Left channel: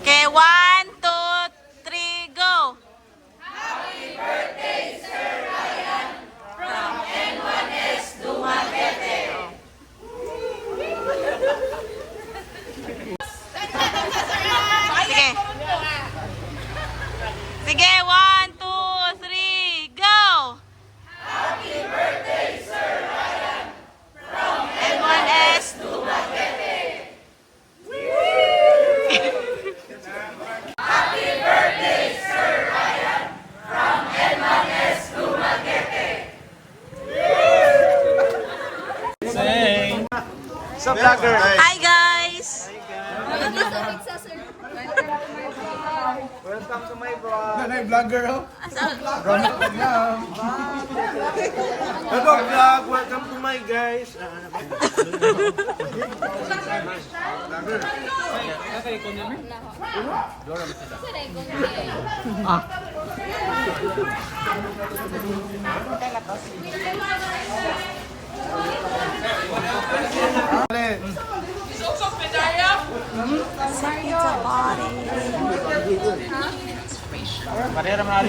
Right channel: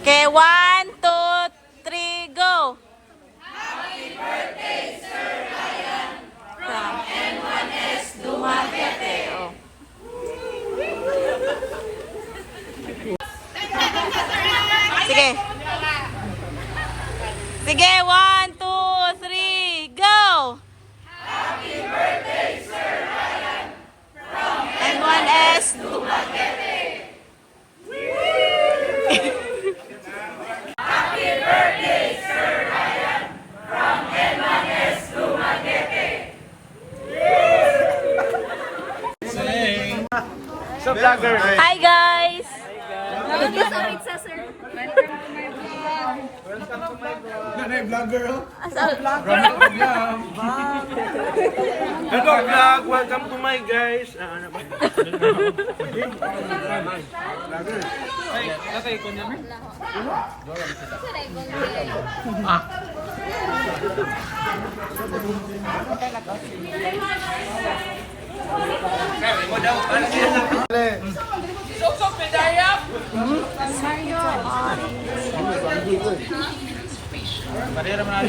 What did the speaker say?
Okay, 1, 2, 3, go! From N1S Dumaguete. Oh. Sige. Sige, 1, 2, 3, go! Happy birthday, Sir Ryan! From N1S Dumaguete. Happy birthday, Sir Ryan! From N1S Dumaguete. Sa vlogger. Hi guys! Welcome to my vlog. Nanay vlogger oh. Hello vlog, welcome to my guys. Ano ba? Nakay ko naman. Ah. Mahirap na